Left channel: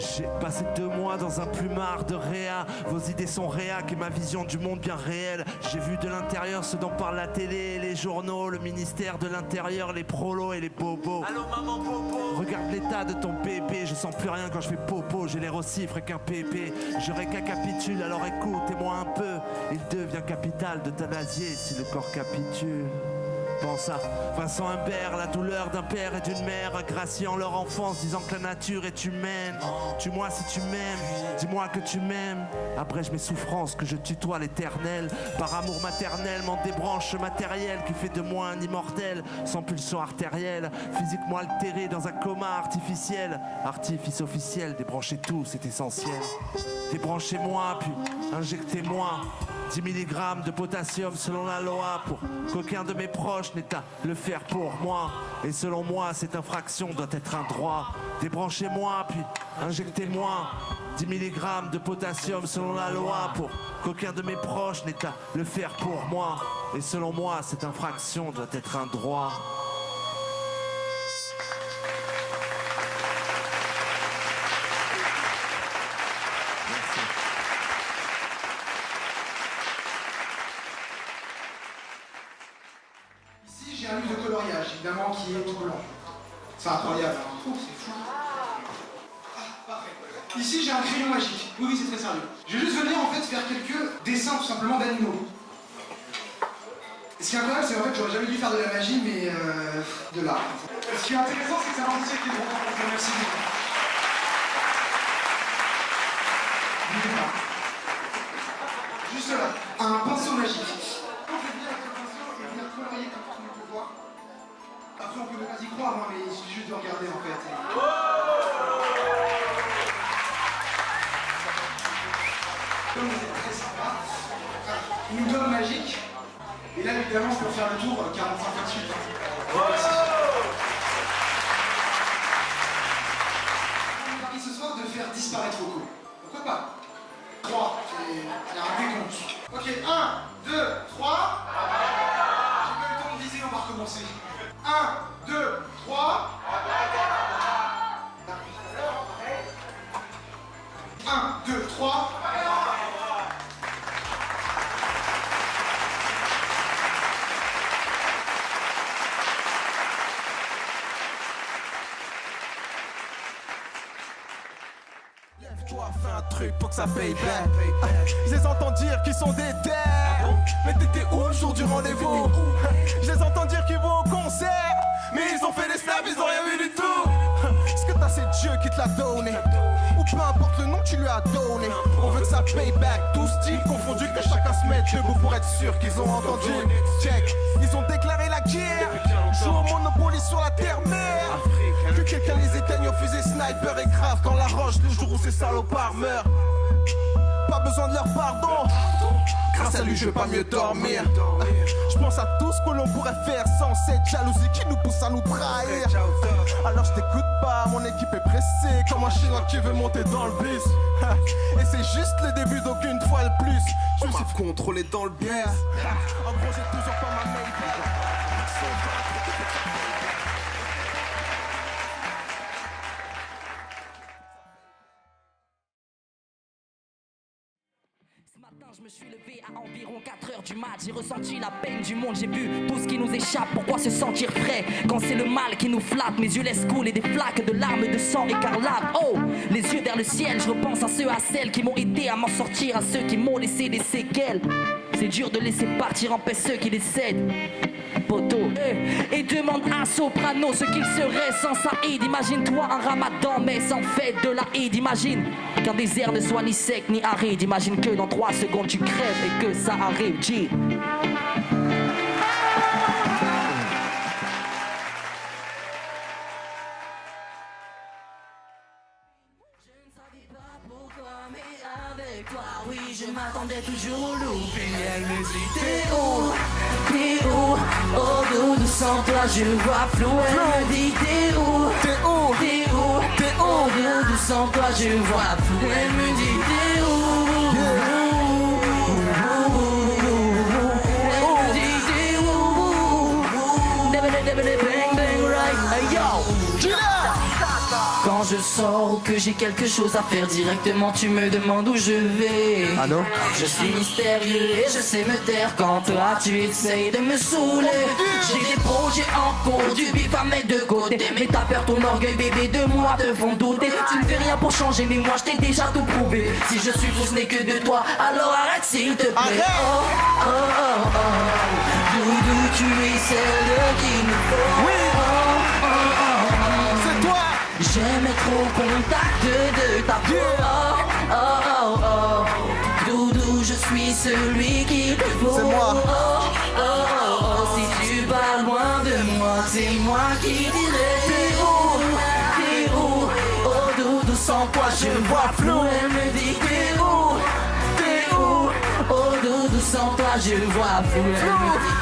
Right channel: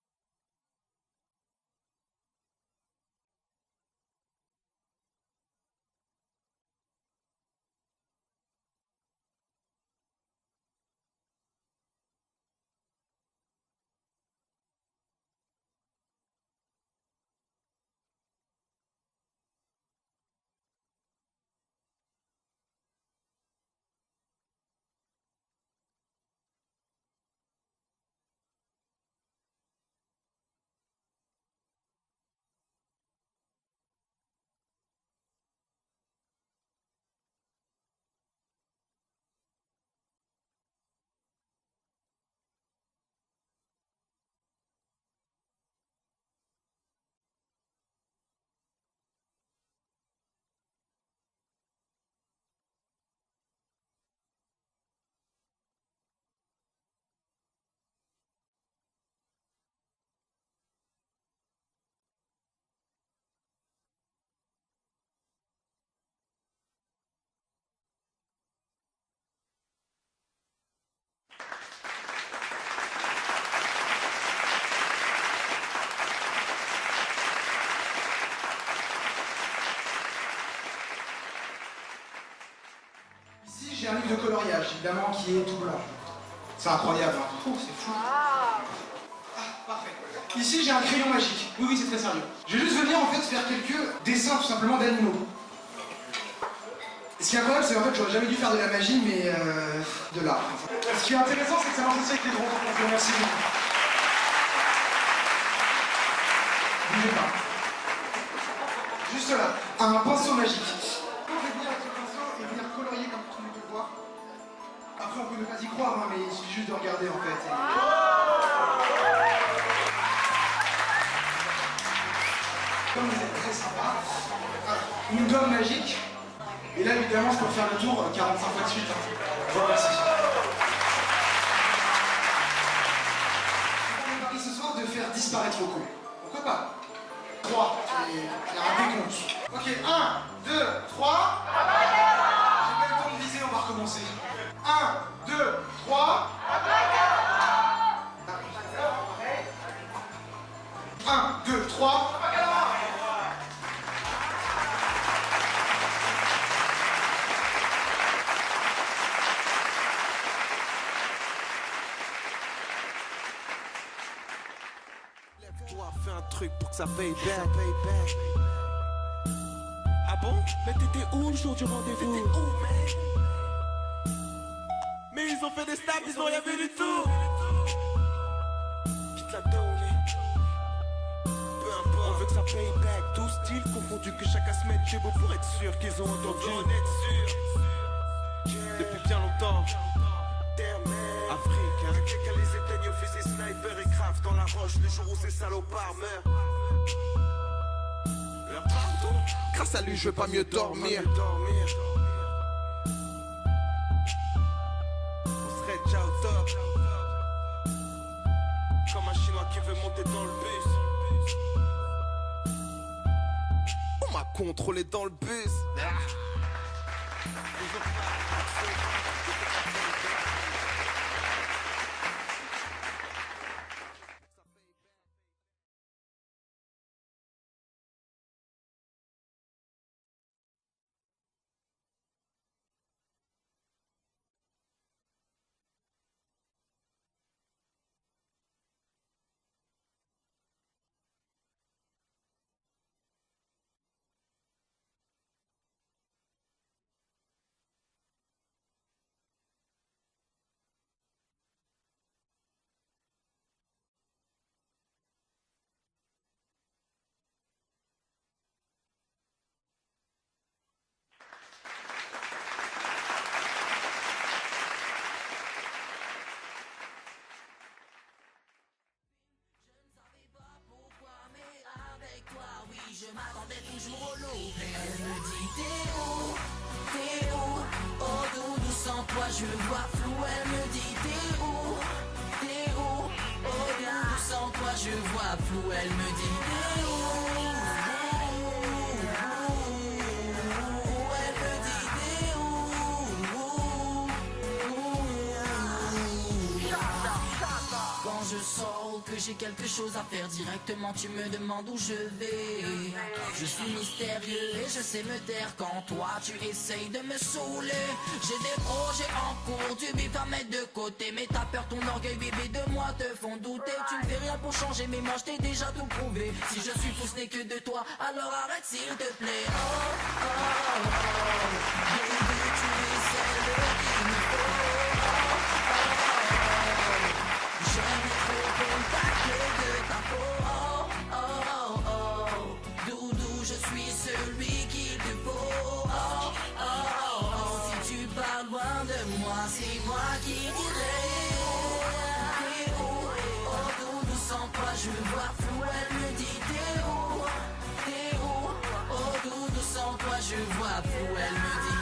J'ai passé 2 mois dans un plumard de réa. Vos idées sont réac et ma vision du monde bien réelle. J'ai vu de l'intérieur ce dont parle la télé, les journaux, le ministère de l'Intérieur, les prolos et les bobos. Allô maman bobo. Regarde l'état de ton bébé, je sens plus rien quand je fais popo. J'ai l'air aussi frais qu'un pépé. Je récapitule, alors écoutez-moi un peu. Il devient capital d'euthanasier si le corps capitule. Pense à Vincent Humbert, la douleur d'un père et d'une mère graciant leur enfance, disant que la nature est humaine. Tue-moi si tu m'aimes, dis-moi que tu m'aimes. Abrège mes souffrances, que je tutoie l'éternel. Par amour maternel, m'en débranche matériel qui fait de moi un immortel, sans pulsion artérielle, physiquement altéré dans un coma artificiel. Artifice officiel, débranchez tout, c'est essentiel. Débranchez-moi, puis injectez-moi 10 mg de potassium selon la loi. Pour qu'aucun de mes proches n'ait à le faire pour moi. Et selon moi, cette infraction doit être un droit. Débranchez-moi, puis injectez-moi 10 mg de potassium selon la loi. Pour qu'aucun de mes proches n'ait à le faire pour moi. Et selon moi, cette infraction doit être un droit. J'ai un livre de coloriage, évidemment, qui est tout blanc. C'est incroyable, hein. Oh, c'est fou. Ah, parfait. Ici, j'ai un crayon magique. Oui, c'est très sérieux. Je vais juste venir, en fait, faire quelques dessins, tout simplement, d'animaux. Et ce qui est incroyable, c'est qu'en fait, j'aurais jamais dû faire de la magie, mais de l'art. Ce qui est intéressant, c'est que ça marche aussi avec les drones. Donc, merci beaucoup. Bougez pas. Juste là, un pinceau magique. Après, on peut ne pas y croire, hein, mais il suffit juste de regarder en fait. Comme vous êtes très sympa, une gomme magique. Et là, évidemment, je peux faire le tour 45 fois de suite. Merci. On est parti ce soir de faire disparaître Rocco. Pourquoi pas 3, il y a un décompte. Ok, 1, 2, 3. J'ai pas eu le temps de viser, on va recommencer. 1, 2, 3. 1, 2, 3. Lève-toi, fais un truc pour que ça paye back. Je les entends dire qu'ils sont des terres. Mais t'étais où le jour du rendez-vous? Je les entends dire qu'ils vont au concert. Mais ils ont fait des snaps, ils ont rien vu du tout. Est-ce que t'as c'est Dieu qui te l'a donné? Ou peu importe le nom que tu lui as donné. On veut que ça paye back, tout style confondu. Que chacun se mette debout pour être sûr qu'ils ont entendu. Check, ils ont déclaré la guerre. Jouent au Monopoly sur la terre-mère. Que quelqu'un les éteigne au fusil sniper et grave dans la roche le jour où ces salopards meurent. Pas besoin de leur pardon. Grâce à lui je veux pas mieux dormir. Je pense à tout ce que l'on pourrait faire sans cette jalousie qui nous pousse à nous trahir. Alors je t'écoute pas, mon équipe est pressée comme un chinois qui veut monter dans le bus. Et c'est juste le début d'aucune fois le plus. Je m'a contrôlé dans le bus. En gros j'ai toujours pas ma main. Je me suis levé à environ 4h du mat. J'ai ressenti la peine du monde, j'ai vu tout ce qui nous échappe. Pourquoi se sentir frais quand c'est le mal qui nous flatte? Mes yeux laissent couler des flaques de larmes de sang écarlate. Oh, les yeux vers le ciel, je repense à ceux, à celles qui m'ont aidé à m'en sortir, à ceux qui m'ont laissé des séquelles. C'est dur de laisser partir en paix ceux qui décèdent. Poto, et demande à Soprano ce qu'il serait sans Saïd. Imagine-toi un ramadan mais sans fête de la Eid. Imagine qu'un désert ne soit ni sec ni aride. Imagine que dans 3 secondes tu crèves et que ça arrive, G. Oui, je m'attendais toujours au loupé. Elle me dit t'es où, oh doudou, sans toi je vois flou. Elle me dit t'es où, oh doudou, sans toi je vois flou. Elle me dit t'es où, elle me dit t'es où, bang bang right, hey yo. Quand quand je sors ou que j'ai quelque chose à faire, directement tu me demandes où je vais. Allô? Je suis mystérieux et je sais me taire quand toi tu essayes de me saouler. J'ai des projets en cours, du bif à mettre de côté, mais ta peur, ton orgueil bébé de moi te font douter. Tu ne fais rien pour changer mais moi je t'ai déjà tout prouvé. Si je suis fou ce n'est que de toi, alors arrête s'il te plaît. Oh, oh, oh, oh. Doudou, tu es celle qu'il me faut. Oui. Oh, oh, oh, oh. C'est toi. J'aime être au contact de ta peau. Oh, oh, oh, oh. Doudou, je suis celui qu'il te faut. C'est moi. Oh, oh, oh, oh. Si tu vas loin de moi, c'est moi qui dirai. T'es où? Oh, Doudou, sans toi je vois flou. Elle me dit t'es où? Oh, Doudou, sans toi je vois flou. Elle me dit